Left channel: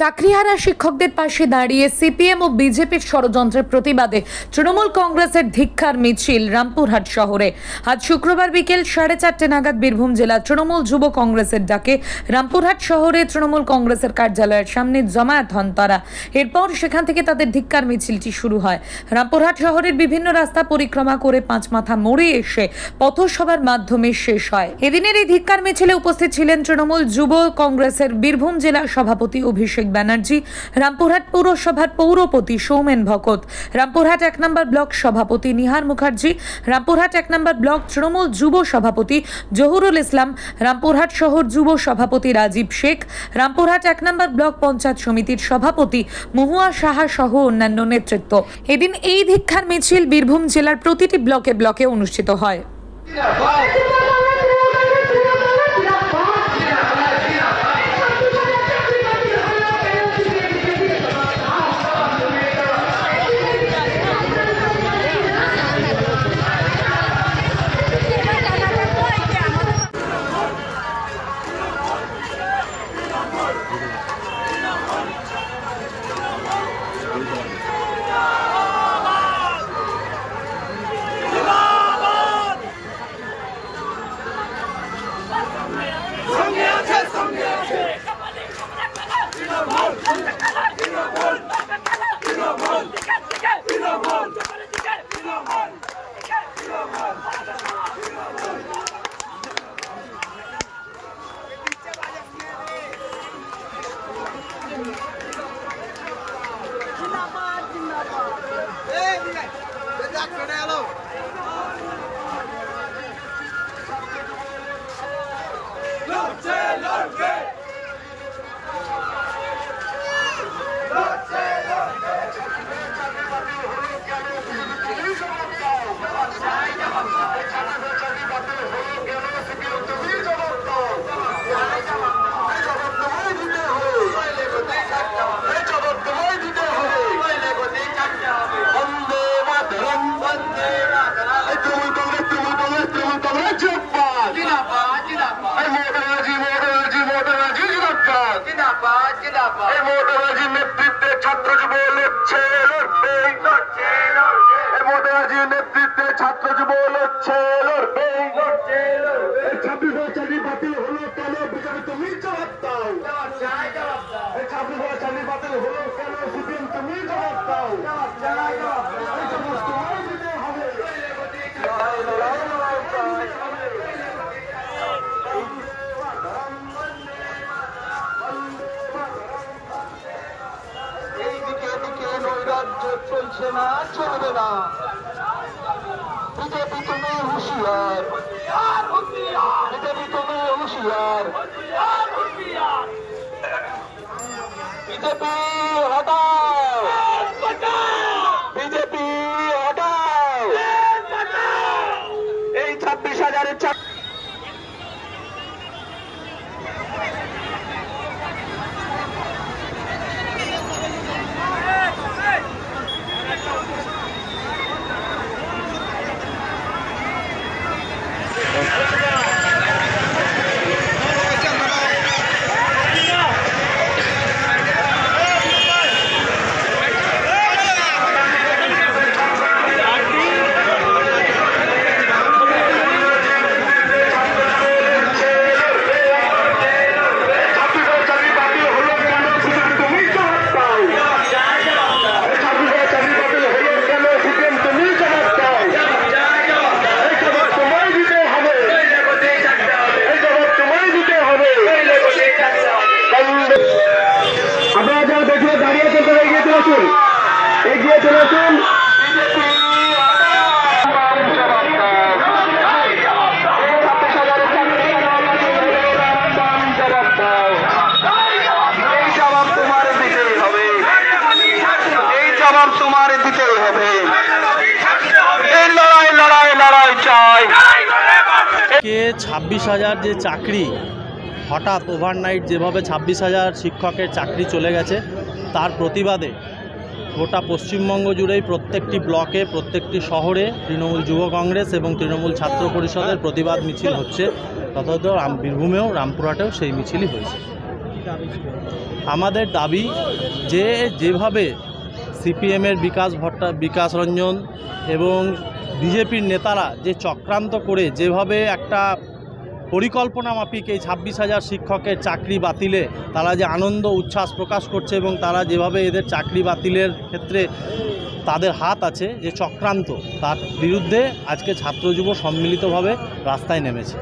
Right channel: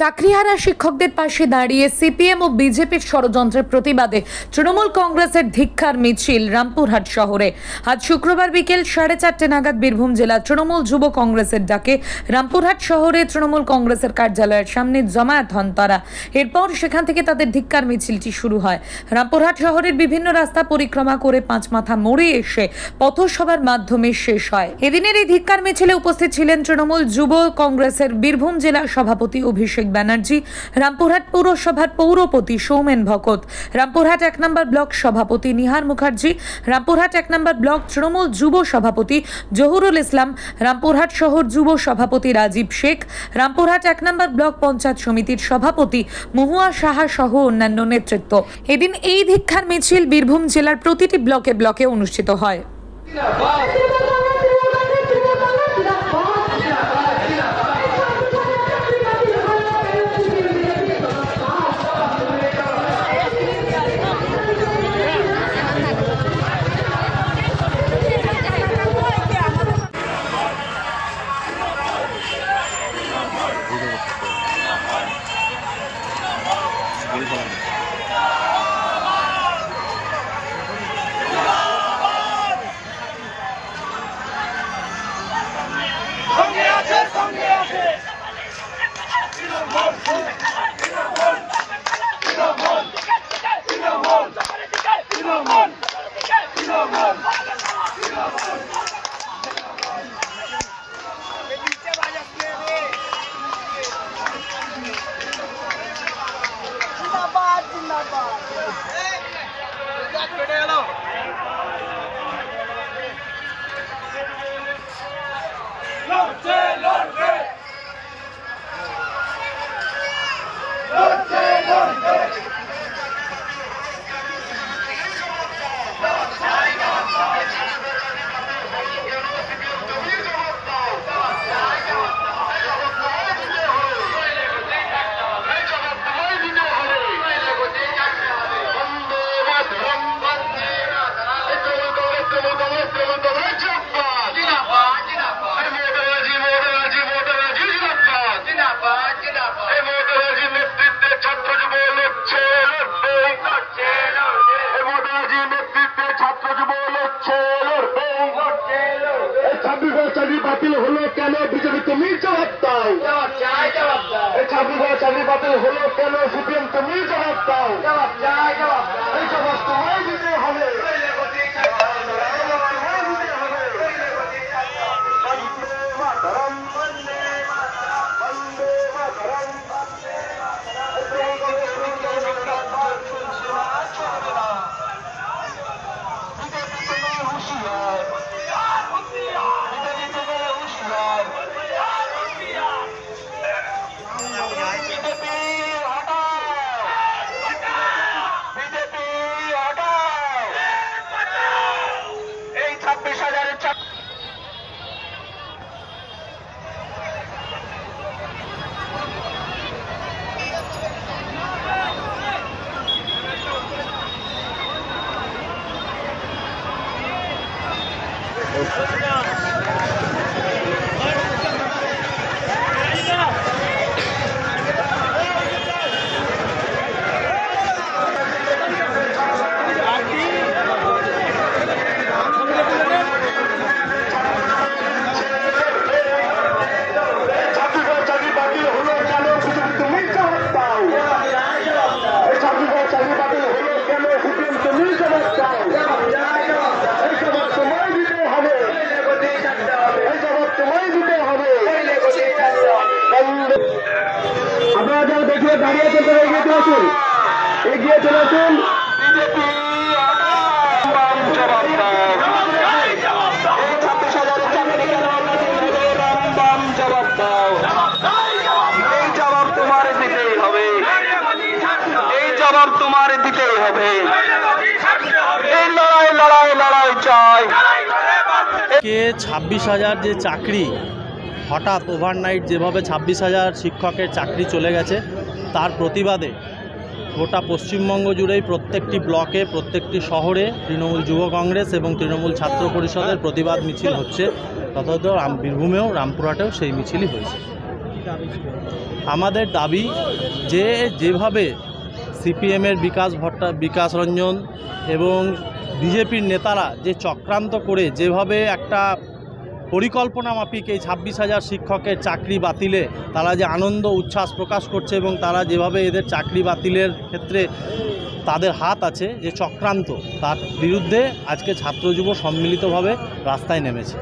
চাকরিহারা শিক্ষকদের পাশে দাঁড়িয়ে সিপিএম ও বিজেপির ষড়যন্ত্রের প্রতিবাদে তৃণমূল কংগ্রেসের ধিক্কার মিছিল রামপুরহাট শহরে। আজ শুক্রবার বিকেল 4:30 নাগাদ বীরভূম জেলা তৃণমূল যুব কংগ্রেসের ডাকে রামপুরহাট শহরে তৃণমূল কংগ্রেসের কার্যালয়ের সামনে জমায়েত হন তারা। এরপর সেখান থেকে তাদের ধিক্কার মিছিলটি শুরু হয়। রামপুরহাট শহরের বিভিন্ন রাস্তা পরিক্রমা করে পাঁচমাথা মোড়ে এসে পথসভার মাধ্যমে শেষ হয়। এদিনের এই ধিক্কার মিছিলে উপস্থিত ছিলেন তৃণমূল যুব কংগ্রেসের বীরভূম জেলা সভাপতি অভিষেক ব্যানার্জি, রামপুরহাট পৌরসভার পৌরপতি সৌমেন ভকত, রামপুরহাট 1 নম্বর ব্লক সভাপতি নিহার মুখার্জি, রামপুরহাট 1 নম্বর ব্লক তৃণমূল যুব সভাপতি জহুরুল ইসলাম, রামপুরহাট শহর যুব সভাপতি রাজীব শেখ, রামপুরহাট 1 নম্বর ব্লক পঞ্চায়েত সমিতির সভাপতি মহুয়া সাহা সহ অন্যান্য নেতৃত্ব। এদিন এই ধিক্কার মিছিল বীরভূম জেলার প্রতিটি ব্লকে ব্লকে অনুষ্ঠিত হয়। ছাত্র যুব লড়ছে লড়বে। 26 চাকরি বাতিল হলো কেন? বিজেপি তুমি জবাব দাও। 26 চাকরি বাতিল হলো কেন? সিপিএম তুমি জবাব দাও। এই জবাব তোমায় দিতে হবে। চলছে না, চলবে না। বিজেপি তুমি হুঁশিয়ার, বিজেপি তুমি হুঁশিয়ার। বিজেপি হটাও, বিজেপি হটাও। এই 26,000 এগিয়ে চলেছেন। এই জবাব তোমার দিতেই হবে, এই জবাব তোমার দিতেই হবে। এই লড়াই চাই। 26,000 যে চাকরি হঠাৎ ওভারনাইট যেভাবে 26,000 শিক্ষকের চাকরি চলে গেছে, তার প্রতিবাদে গোটা পশ্চিমবঙ্গ জুড়েই প্রত্যেকটি ব্লকে প্রত্যেকটি শহরে তৃণমূল যুব কংগ্রেস এবং তৃণমূল ছাত্র পরিষদের প্রতিবাদ মিছিল হচ্ছে। তথাৎ বীরভূমেও রামপুরহাটেও সেই মিছিলই হয়েছে। আমাদের দাবি যে যেভাবে সিপিএমের বিকাশ রঞ্জন এবং বিজেপির নেতারা যে চক্রান্ত করে যেভাবে একটা পরিকল্পনা মাফিক এই 26,000 শিক্ষকের চাকরি বাতিলে তারা যে আনন্দ উচ্ছ্বাস প্রকাশ করছে এবং তারা যেভাবে এদের চাকরি বাতিলের ক্ষেত্রে তাদের হাত আছে যে চক্রান্ত, তার বিরুদ্ধে আজকে ছাত্র যুব সম্মিলিতভাবে রাস্তায় নেমেছে।